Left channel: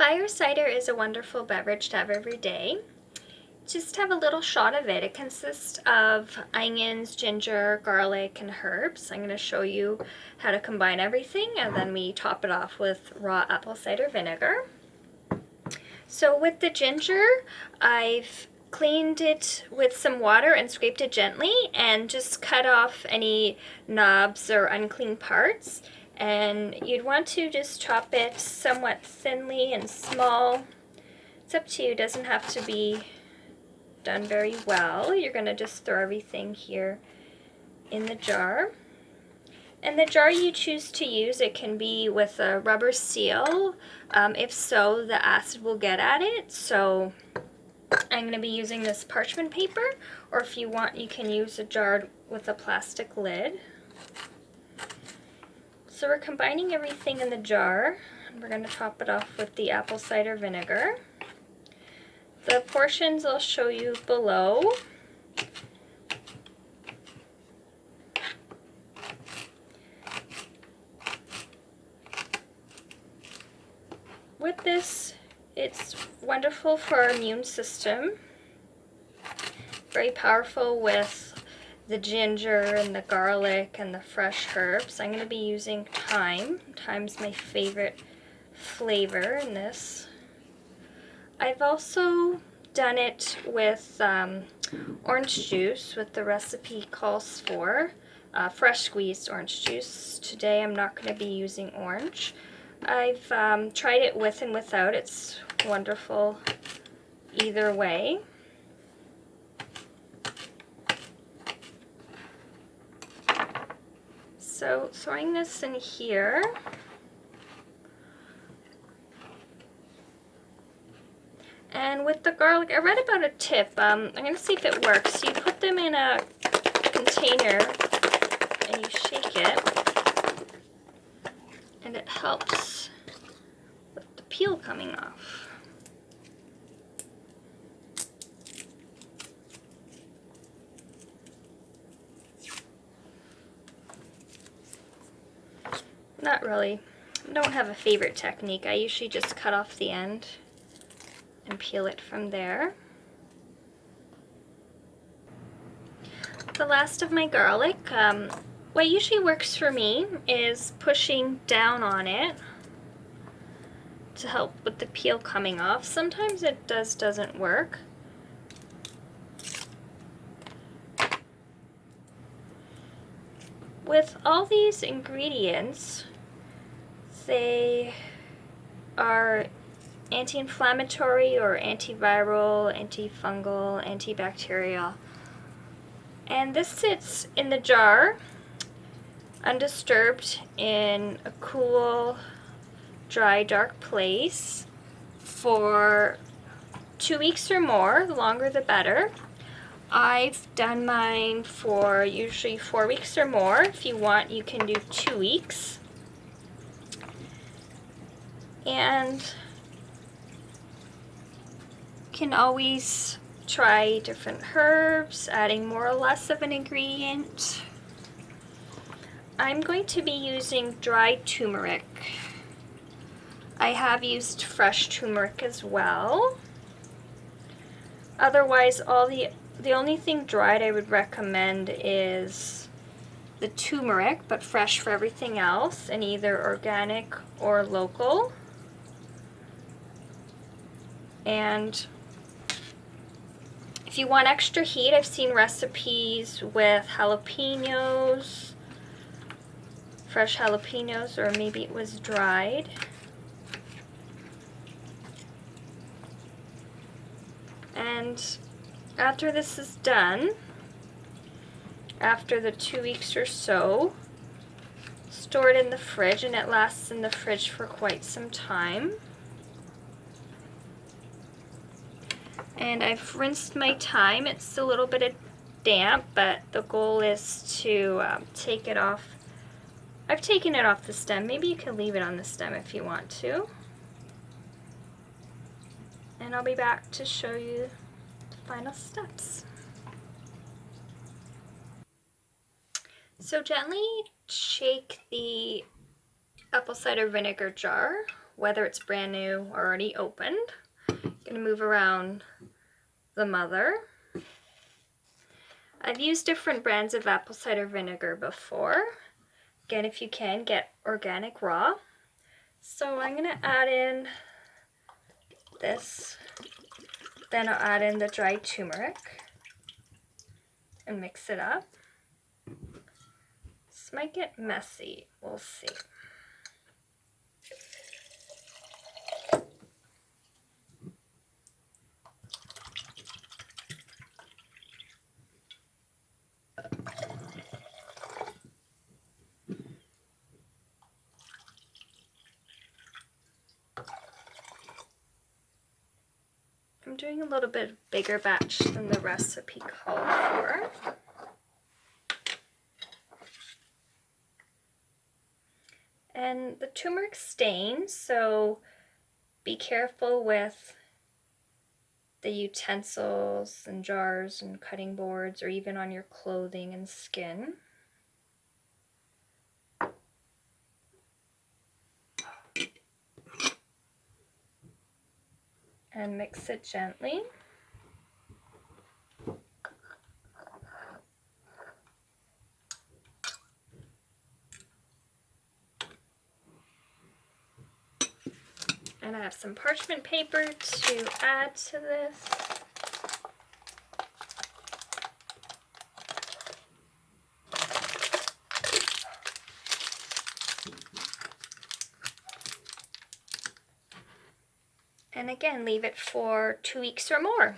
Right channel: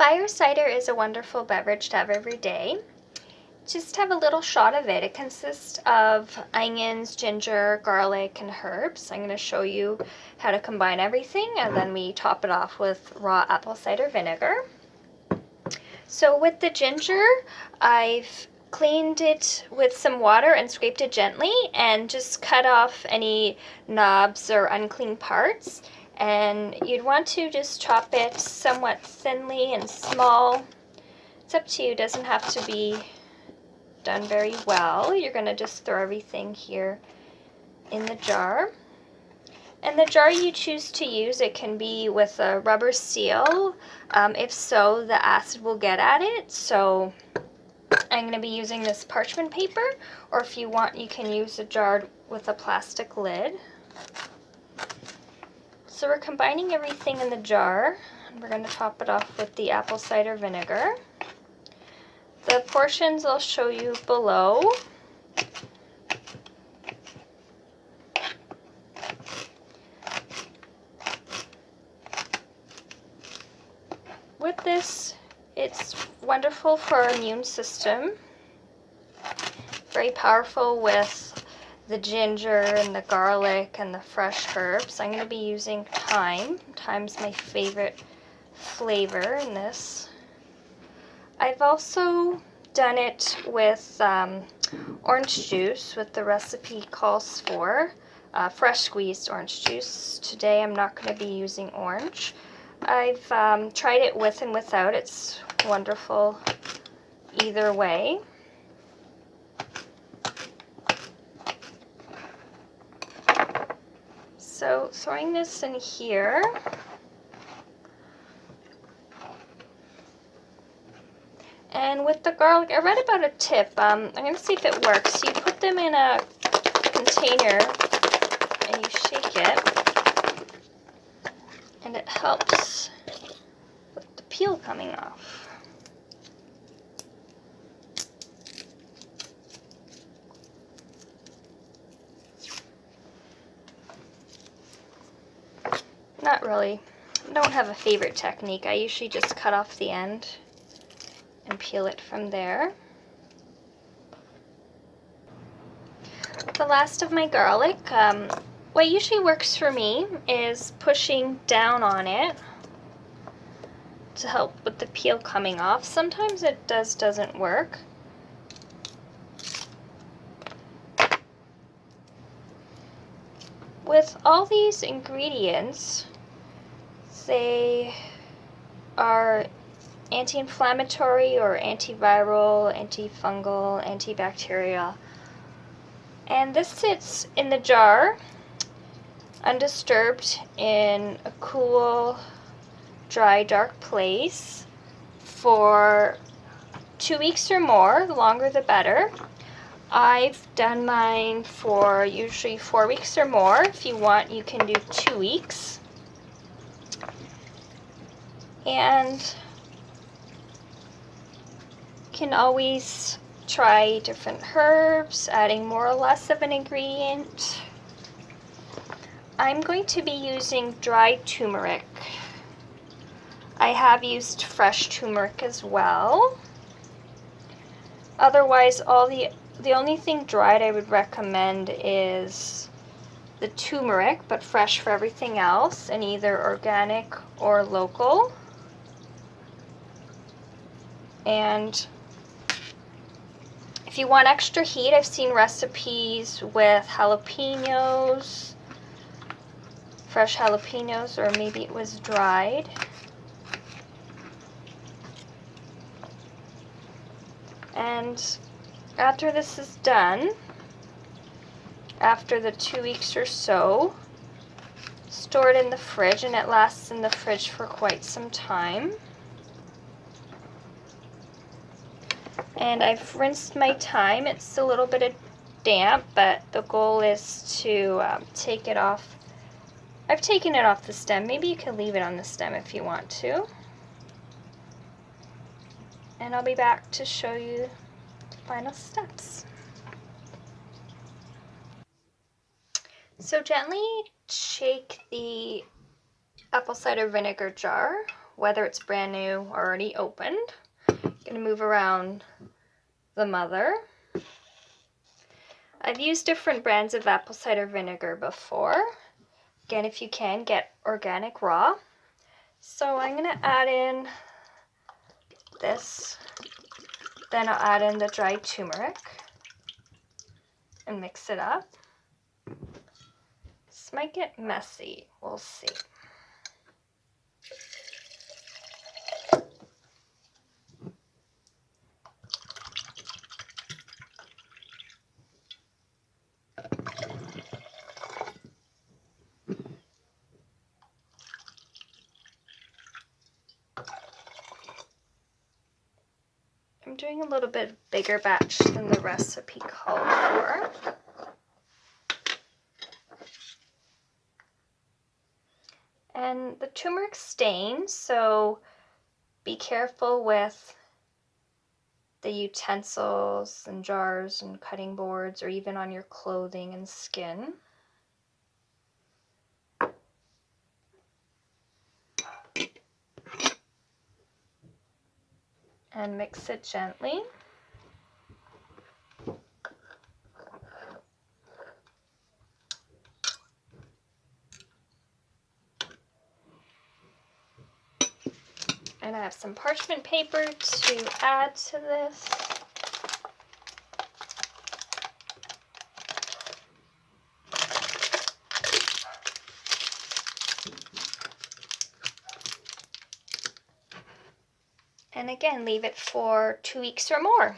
Fire cider is a wonderful beverage to have every day. Just have a little shot of it. It consists of onions, ginger, garlic, and herbs. I'm going to show you how to combine everything, and then we top it off with raw apple cider vinegar. So with the ginger, I've cleaned it with some water and scraped it gently and just cut off any knobs or unclean parts. And you'd want to just chop it somewhat thinly and small. It's up to you, it doesn't have to be done very well. You're going to just throw everything here in the jar. And the jar you choose to use, it can be with a rubber seal. If so, the acid will get at it. So I'm going to be using this parchment paper, or if you want, you can use a jar with a plastic lid. So we're combining everything in the jar, and we're going to top it off with the apple cider vinegar. The portions I'll show you below. With this, it's wonderful for our immune system. Very powerful with the ginger and the garlic and the fresh herbs. I'm going to be using thyme. Thyme's my favorite flavor in this. I've also done it with orange juice, what the recipe calls for. Fresh squeezed orange juice. Today I'm not going to be using orange. I've tried it with and without. It's wonderful either way. So throwing this in here. And with the garlic, I read about a tip. I'm going to see if it works. You put them in a container and you shake it, and it helps with the peel coming off. Not really. I don't have a favorite technique. I usually just cut off the end and peel it from there. The last of my garlic, what usually works for me is pushing down on it to help with the peel coming off. Sometimes it doesn't work. With all these ingredients, they are anti-inflammatory or antiviral, antifungal, antibacterial. And this sits in the jar, undisturbed, in a cool, dry, dark place for 2 weeks or more. The longer the better. I've done mine for usually 4 weeks or more. If you want, you can do 2 weeks. And you can always try different herbs, adding more or less of an ingredient. I'm going to be using dried turmeric. I have used fresh turmeric as well. Otherwise, the only thing dried I would recommend is the turmeric, but fresh for everything else, and either organic or local. And if you want extra heat, I've seen recipes with jalapenos, fresh jalapenos, or maybe it was dried. And after this is done, after the 2 weeks or so, store it in the fridge, and it lasts in the fridge for quite some time. And I've rinsed my thyme. It's a little bit damp, but the goal is to take it off. I've taken it off the stem. Maybe you can leave it on the stem if you want to. And I'll be back to show you the final steps. So gently shake the apple cider vinegar jar whether it's brand new or already opened. I'm going to move around the mother. I've used different brands of apple cider vinegar before. Again, if you can, get organic raw. So I'm going to add in this. Then I'll add in the dried turmeric and mix it up. This might get messy. We'll see. I'm doing a little bit bigger batch than the recipe called for. And the turmeric stains, so be careful with the utensils and jars and cutting boards, or even on your clothing and skin. And mix it gently. And I have some parchment paper to add to this. And again, leave it for 2 weeks or more.